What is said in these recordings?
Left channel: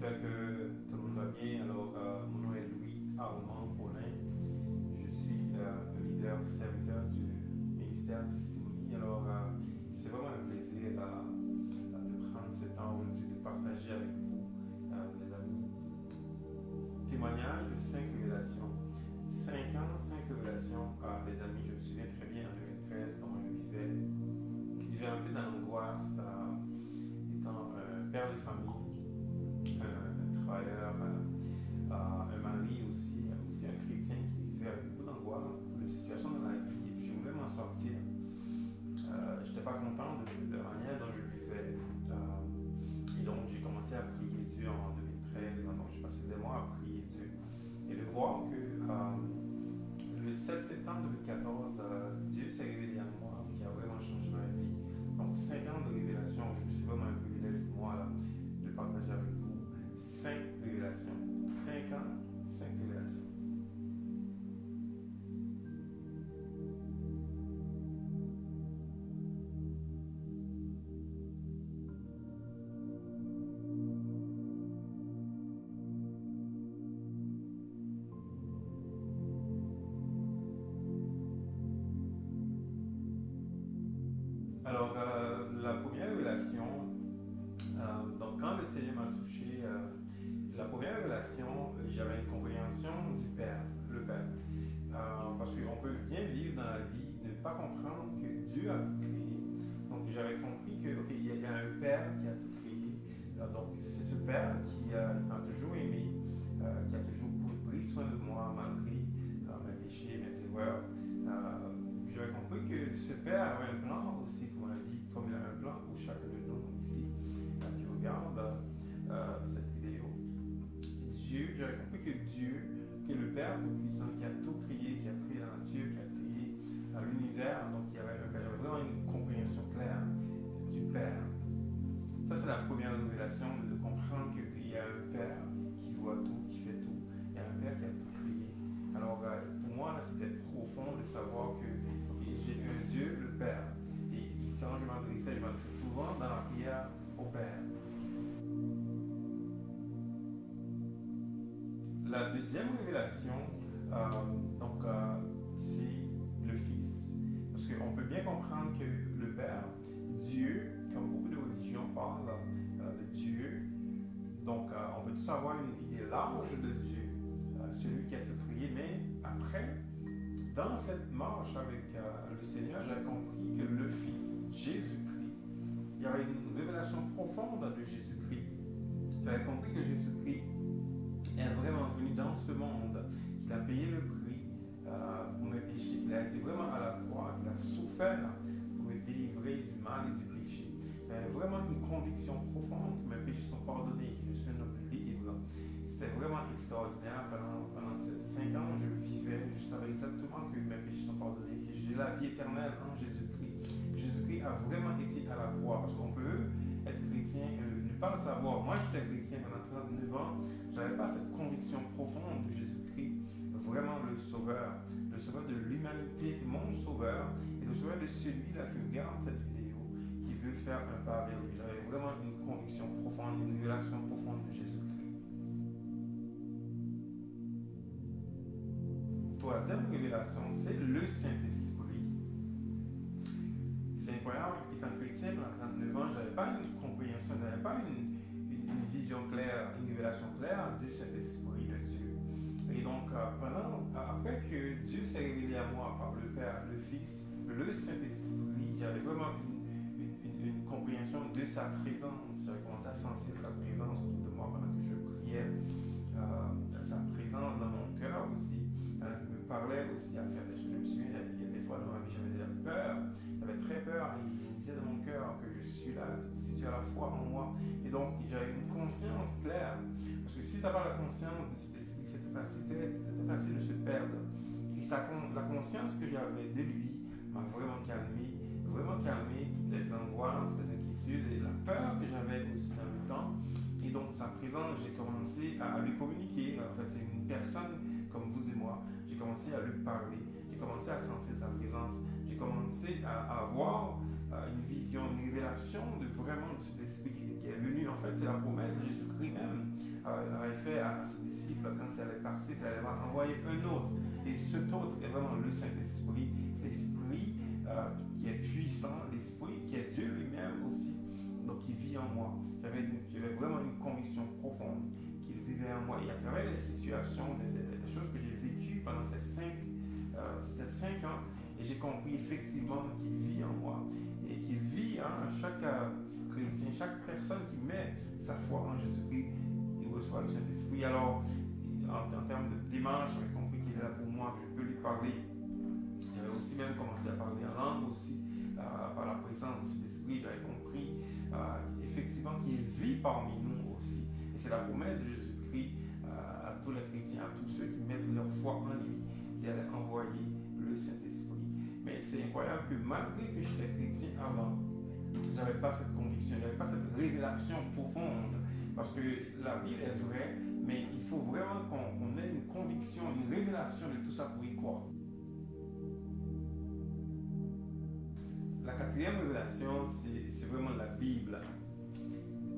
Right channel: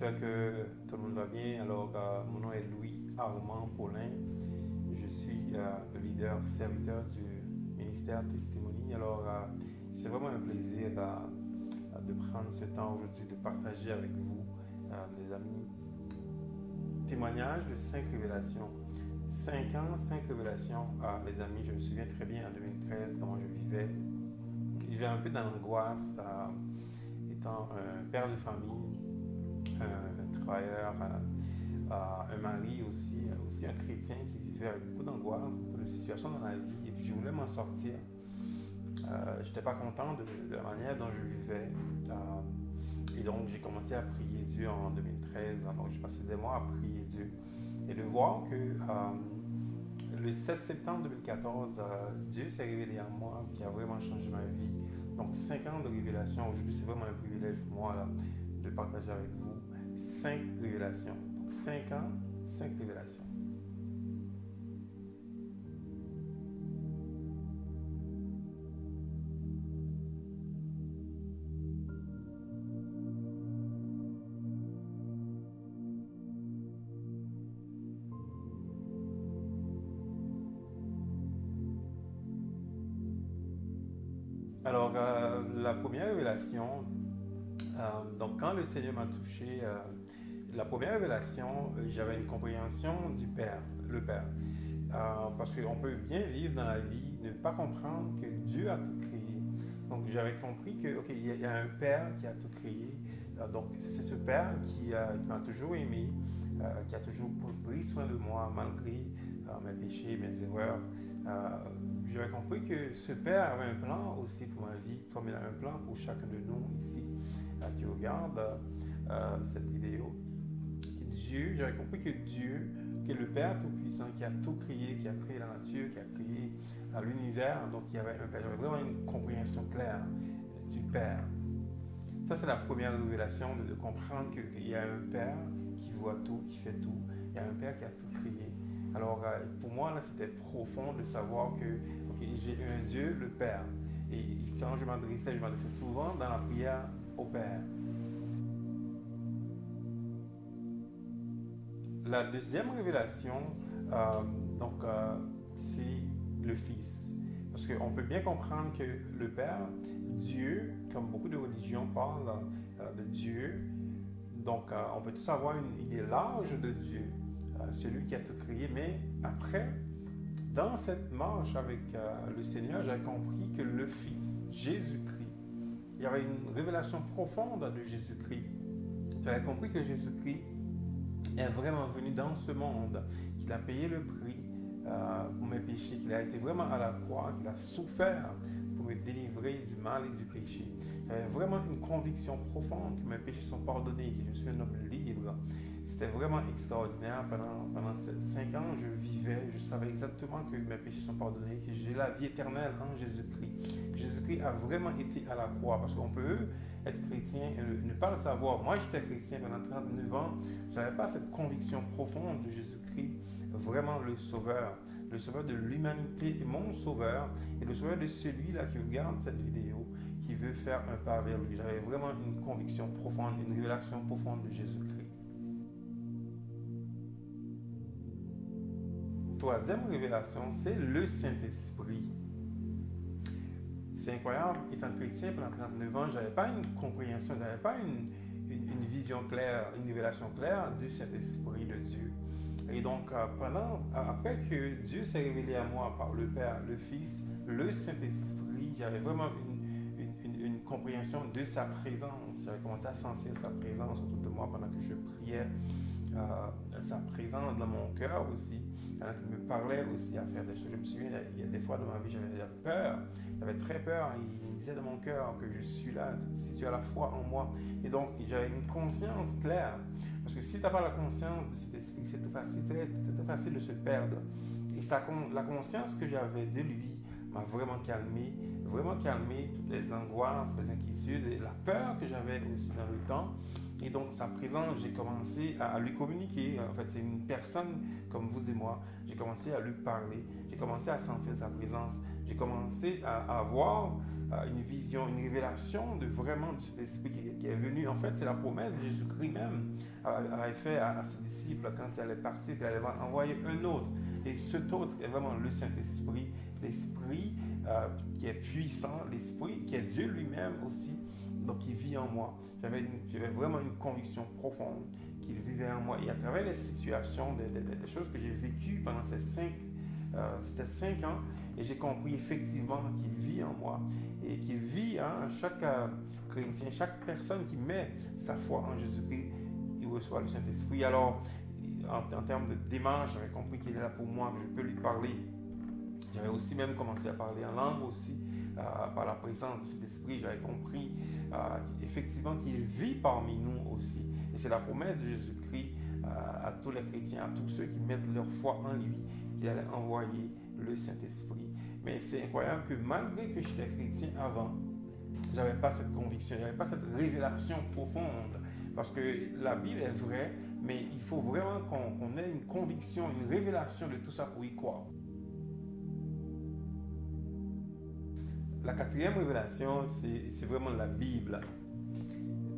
j'espère que tout le monde va bien. Alors, mon nom est Louis Armand Paulin. Je suis le leader serviteur du ministère Testimony. Alors, c'est vraiment un plaisir de prendre ce temps aujourd'hui de partager avec vous, mes amis, témoignage de 5 révélations. 5 ans, 5 révélations. Les amis, je me souviens très bien en 2013 comment je vivais. Je vivais un peu dans l'angoisse, étant un père de famille, un travailleur, un mari aussi un chrétien qui vivait avec beaucoup d'angoisse, beaucoup de situations dans la vie. Et puis je voulais m'en sortir. Je n'étais pas content de la manière dont je vivais. Et donc j'ai commencé à prier Dieu en 2013. Donc j'ai passé des mois à prier Dieu. Et de voir que le 7 septembre 2014, Dieu s'est révélé à moi, qui a vraiment changé ma vie. Donc 5 ans de révélation. Aujourd'hui, c'est vraiment un privilège pour moi là, de partager avec vous 5 révélations. 5 ans, 5 révélations. Alors, la première révélation, donc quand le Seigneur m'a touché, la première révélation, j'avais une compréhension du Père, le Père. Parce qu'on peut bien vivre dans la vie, ne pas comprendre que Dieu a tout créé. Donc j'avais compris qu'il y a un Père qui a tout créé. Donc c'est ce Père qui m'a toujours aimé, qui a toujours pris soin de moi malgré mes péchés, mes erreurs. J'avais compris que ce Père avait un plan aussi pour ma vie, comme il a un plan pour chacun de nous ici qui regarde cette vidéo. J'avais compris que Dieu, que le Père Tout-Puissant, qui a tout créé, qui a créé la nature, qui a créé l'univers, donc il y avait un Père. J'avais vraiment une compréhension claire du Père. Ça, c'est la première révélation de comprendre qu'il y a un Père qui voit tout, qui fait tout. Il y a un Père qui a tout créé. Alors, pour moi, là, c'était profond de savoir que j'ai un Dieu, le Père. Et quand je m'adressais souvent dans la prière au Père. La deuxième révélation, c'est le Fils. Parce qu'on peut bien comprendre que le Père, Dieu, comme beaucoup de religions parlent de Dieu, donc on peut tous avoir une idée large de Dieu, celui qui a tout créé, mais après, dans cette marche avec le Seigneur, j'ai compris que le Fils, Jésus-Christ, il y avait une révélation profonde de Jésus-Christ. J'avais compris que Jésus-Christ est vraiment venu dans ce monde, qu'il a payé le prix pour mes péchés, qu'il a été vraiment à la croix, qu'il a souffert pour me délivrer du mal et du péché. J'avais vraiment une conviction profonde que mes péchés sont pardonnés, que je suis un homme libre. C'était vraiment extraordinaire. Pendant ces 5 ans, je vivais, je savais exactement que mes péchés sont pardonnés, que j'ai la vie éternelle en Jésus-Christ. Jésus-Christ a vraiment été à la croix, parce qu'on peut être chrétien et ne pas le savoir. Moi, j'étais chrétien pendant 39 ans. Je n'avais pas cette conviction profonde de Jésus-Christ, vraiment le sauveur de l'humanité et mon sauveur, et le sauveur de celui-là qui regarde cette vidéo, qui veut faire un pas vers lui. J'avais vraiment une conviction profonde, une révélation profonde de Jésus-Christ. Troisième révélation, c'est le Saint-Esprit. C'est incroyable, étant chrétien pendant 39 ans, je n'avais pas une compréhension, je n'avais pas une vision claire, une révélation claire du Saint-Esprit de Dieu. Et donc, après que Dieu s'est révélé à moi par le Père, le Fils, le Saint-Esprit, j'avais vraiment une compréhension de sa présence. J'avais commencé à sentir sa présence autour de moi pendant que je priais, sa présence dans mon cœur aussi. Il me parlait aussi à faire des choses. Je me souviens, il y a des fois dans ma vie, j'avais peur, j'avais très peur. Il me disait dans mon cœur que je suis là, si tu as la foi en moi. Et donc, j'avais une conscience claire. Parce que si tu n'as pas la conscience de cet esprit, c'est très facile de se perdre. Et la conscience que j'avais de lui m'a vraiment calmé toutes les angoisses, les inquiétudes et la peur que j'avais aussi dans le temps. Et donc, sa présence, j'ai commencé à lui communiquer. En fait, c'est une personne comme vous et moi, j'ai commencé à lui parler, j'ai commencé à sentir sa présence, j'ai commencé à avoir une vision, une révélation de vraiment de cet esprit qui est venu. En fait, c'est la promesse de Jésus-Christ même avait fait à ses disciples quand il allait partir, qu'il allait envoyer un autre. Et cet autre est vraiment le Saint-Esprit, l'Esprit qui est puissant, l'Esprit qui est Dieu lui-même aussi, donc qui vit en moi. J'avais vraiment une conviction profonde qu'il vivait en moi. Et à travers les situations, des choses que j'ai vécues pendant ces 5 ans, et j'ai compris effectivement qu'il vit en moi et qu'il vit chaque chrétien, chaque personne qui met sa foi en Jésus-Christ, il reçoit le Saint-Esprit. Alors, en termes de démarche, j'avais compris qu'il est là pour moi, que je peux lui parler. J'avais aussi même commencé à parler en langue aussi, par la présence de cet esprit. J'avais compris effectivement qu'il vit parmi nous aussi. Et c'est la promesse de Jésus-Christ à tous les chrétiens, à tous ceux qui mettent leur foi en lui, qu'il allait envoyer le Saint-Esprit. Mais c'est incroyable que malgré que j'étais chrétien avant, j'avais pas cette conviction, j'avais pas cette révélation profonde. Parce que la Bible est vraie, mais il faut vraiment qu'on ait une conviction, une révélation de tout ça pour y croire. La quatrième révélation, c'est vraiment la Bible.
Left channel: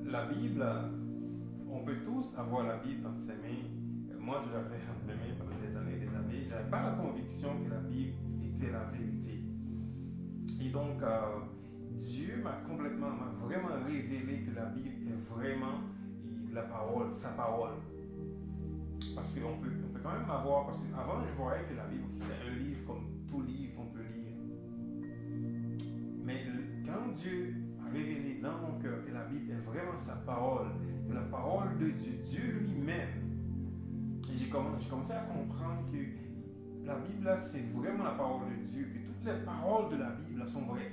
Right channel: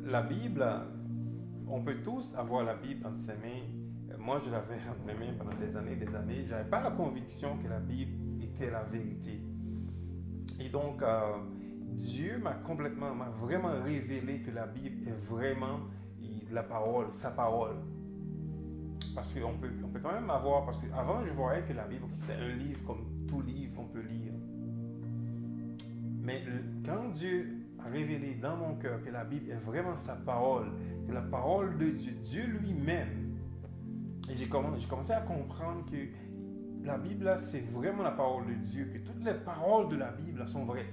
La Bible, on peut tous avoir la Bible entre ses mains. Moi, je l'avais entre mes mains pendant des années et des années. Je n'avais pas la conviction que la Bible était la vérité. Et donc, Dieu m'a vraiment révélé que la Bible est vraiment la parole, sa parole. Parce qu'on peut quand même avoir, parce qu'avant je voyais que la Bible c'était un livre comme tout livre qu'on peut lire. Mais quand Dieu a révélé dans mon cœur que la Bible est vraiment sa parole, c'est la parole de Dieu, Dieu lui-même, et j'ai commencé à comprendre que la Bible là, c'est vraiment la parole de Dieu, que toutes les paroles de la Bible là, sont vraies.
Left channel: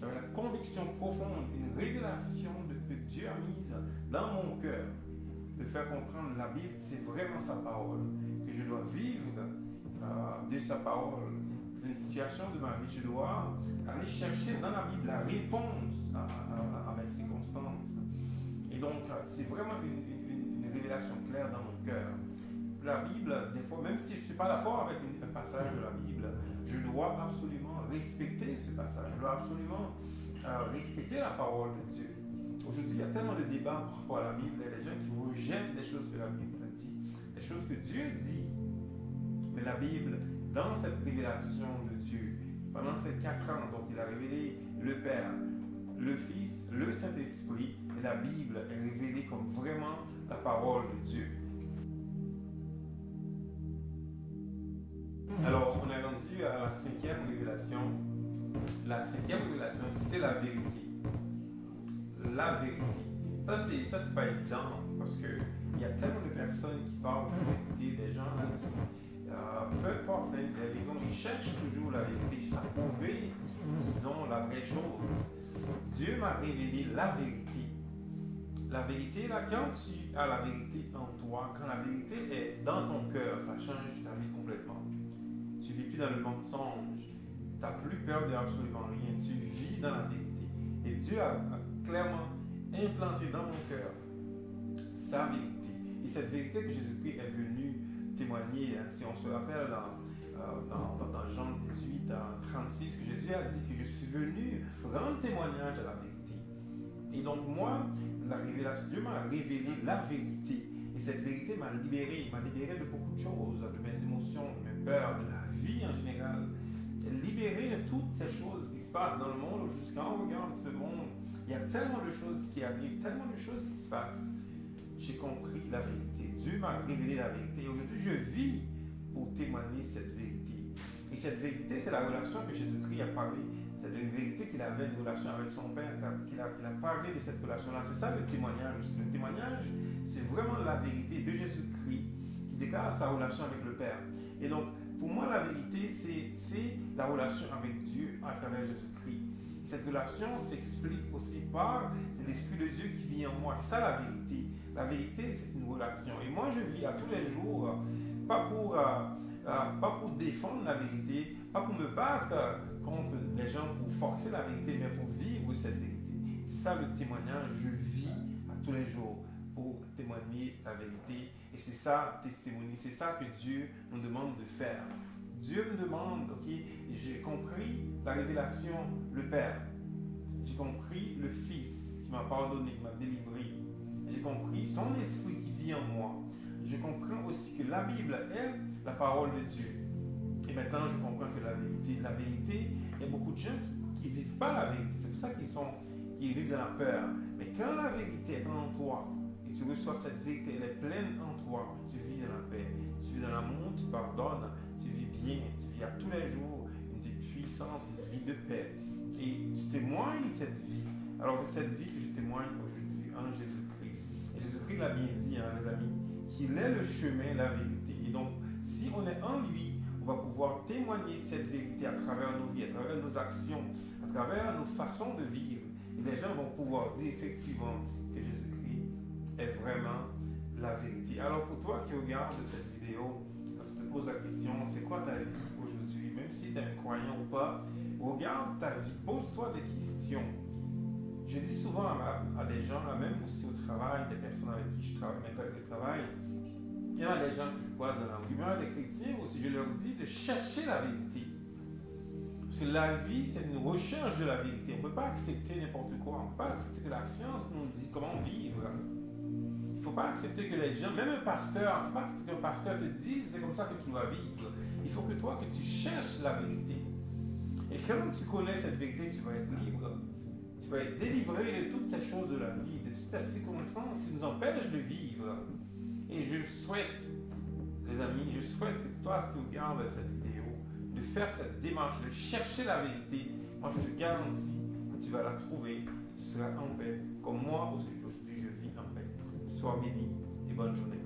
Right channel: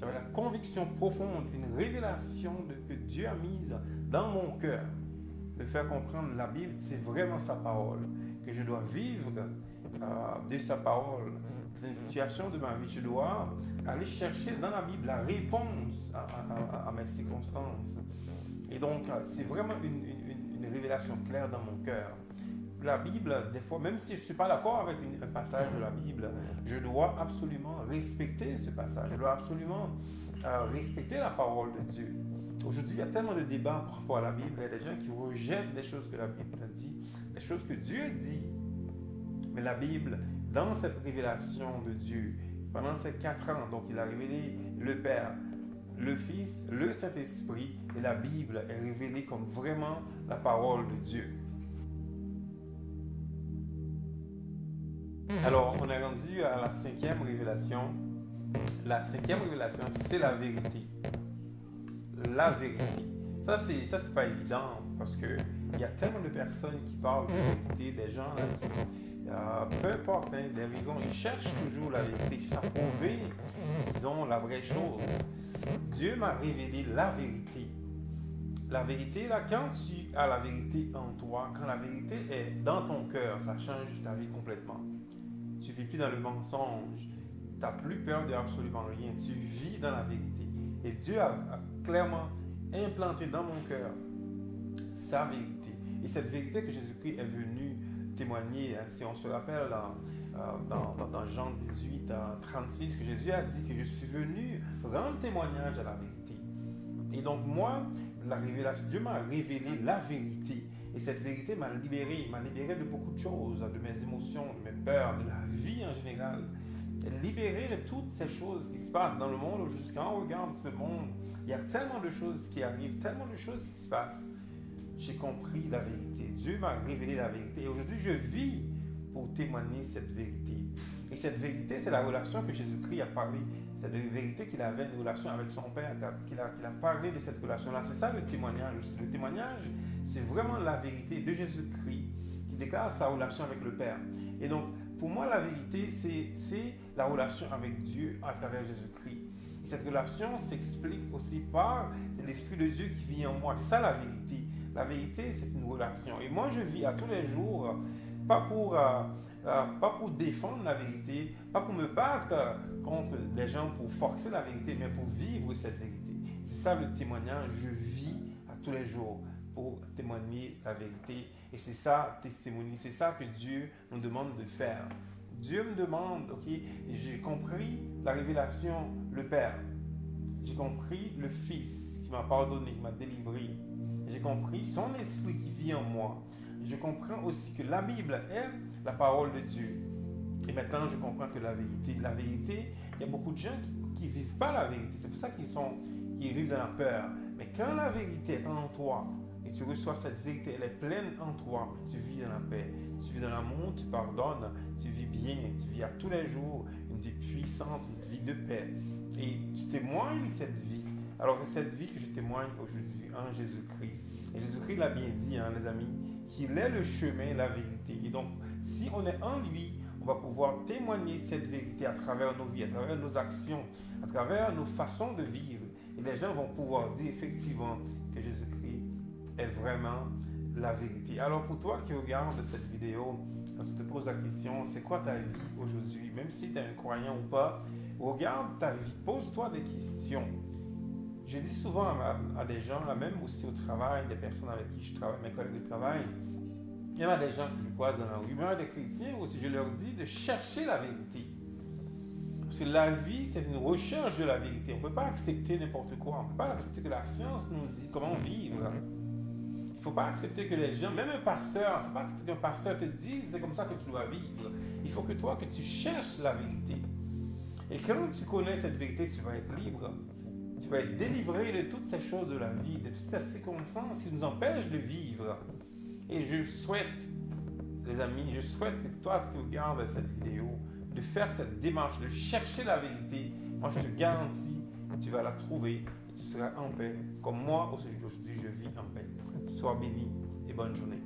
J'avais la conviction profonde, une révélation que Dieu a mise dans mon cœur, de faire comprendre la Bible, c'est vraiment sa parole, que je dois vivre de sa parole. Dans une situation de ma vie, je dois aller chercher dans la Bible la réponse à mes circonstances. Et donc, c'est vraiment une révélation claire dans mon cœur. La Bible, des fois, même si je ne suis pas d'accord avec un passage de la Bible, je dois absolument respecter ce passage. Je dois absolument respecter la parole de Dieu. Aujourd'hui, il y a tellement de débats par rapport à la Bible. Il y a des gens qui rejettent des choses que la Bible dit, des choses que Dieu dit. Mais la Bible, dans cette révélation de Dieu, pendant ces 4 ans, donc il a révélé le Père, le Fils, le Saint-Esprit, et la Bible est révélée comme vraiment la parole de Dieu. Alors, on est rendu à la 5e révélation. La 5e révélation, c'est la vérité. La vérité. Ça, c'est pas évident parce qu'il y a tellement de personnes qui parlent de vérité, des gens qui, peu importe des raisons, ils cherchent toujours la vérité. C'est ça prouver qu'ils ont la vraie chose. Dieu m'a révélé la vérité. La vérité, là, quand tu as la vérité en toi, quand la vérité est dans ton cœur, ça change ta vie complètement. Tu ne vis plus dans le mensonge. Tu n'as plus peur de absolument rien. Tu vis dans la vérité. Et Dieu a clairement implanté dans mon cœur sa vérité. Et cette vérité que Jésus-Christ est venu témoigner, si on se rappelle dans Jean 18, 36, que Jésus a dit que je suis venu rendre témoignage à la vérité. Et donc moi, la révélation, Dieu m'a révélé la vérité. Et cette vérité m'a libéré de beaucoup de choses, de mes émotions, de mes peurs, de la vie en général. Libéré de toutes ces choses qui se passent dans le monde aujourd'hui. Quand on regarde ce monde, il y a tellement de choses qui arrivent, tellement de choses qui se passent. J'ai compris la vérité. Dieu m'a révélé la vérité. Et aujourd'hui, je vis pour témoigner cette vérité. Et cette vérité, c'est la relation que Jésus-Christ a parlé. C'est de vérité qu'il avait une relation avec son Père, qu'il a parlé de cette relation-là. C'est ça le témoignage. Le témoignage, c'est vraiment la vérité de Jésus-Christ qui déclare sa relation avec le Père. Et donc, pour moi, la vérité, c'est la relation avec Dieu à travers Jésus-Christ. Et cette relation s'explique aussi par l'Esprit de Dieu qui vit en moi. C'est ça la vérité. La vérité, c'est une relation. Et moi, je vis à tous les jours, pas pour défendre la vérité, pas pour me battre contre les gens pour forcer la vérité, mais pour vivre cette vérité. C'est ça le témoignage. Je vis à tous les jours pour témoigner la vérité. Et c'est ça, testimony, c'est ça que Dieu nous demande de faire. Dieu me demande, ok, j'ai compris la révélation, le Père. J'ai compris le Fils qui m'a pardonné, qui m'a délivré. J'ai compris son esprit qui vit en moi. Je comprends aussi que la Bible est la parole de Dieu. Et maintenant, je comprends que la vérité, il y a beaucoup de gens qui ne vivent pas la vérité. C'est pour ça qu'ils vivent dans la peur. Mais quand la vérité est en toi, et tu reçois cette vérité, elle est pleine en toi, tu vis dans la paix, tu vis dans l'amour, tu pardonnes, tu vis bien, tu vis à tous les jours une vie puissante, une vie de paix. Et tu témoignes cette vie. Alors c'est cette vie que je témoigne aujourd'hui en Jésus-Christ. Et Jésus-Christ l'a bien dit, hein, les amis, qu'il est le chemin, la vérité. Et donc, si on est en lui, on va pouvoir témoigner cette vérité à travers nos vies, à travers nos actions, à travers nos façons de vivre. Et les gens vont pouvoir dire effectivement que Jésus-Christ est vraiment la vérité. Alors pour toi qui regardes cette vidéo, quand tu te poses la question, c'est quoi ta vie aujourd'hui? Même si tu es un croyant ou pas, regarde ta vie, pose-toi des questions. Je dis souvent à des gens, là même aussi au travail, des personnes avec qui je travaille, mes collègues de travail, il y en a des gens que je croise dans la rue, même des chrétiens aussi, je leur dis de chercher la vérité. Parce que la vie, c'est une recherche de la vérité. On ne peut pas accepter n'importe quoi. On ne peut pas accepter que la science nous dit comment vivre. Il ne faut pas accepter que les gens, même un pasteur, il ne faut pas accepter qu'un pasteur te dise c'est comme ça que tu dois vivre. Il faut que toi, que tu cherches la vérité. Et quand tu connais cette vérité, tu vas être libre. Tu vas être délivré de toutes ces choses de la vie, de toutes ces circonstances qui nous empêchent de vivre. Et je souhaite, les amis, je souhaite que toi, si tu regardes cette vidéo, de faire cette démarche, de chercher la vérité. Moi, je te garantis, tu vas la trouver et tu seras en paix. Comme moi, aujourd'hui, je vis en paix. Sois béni et bonne journée.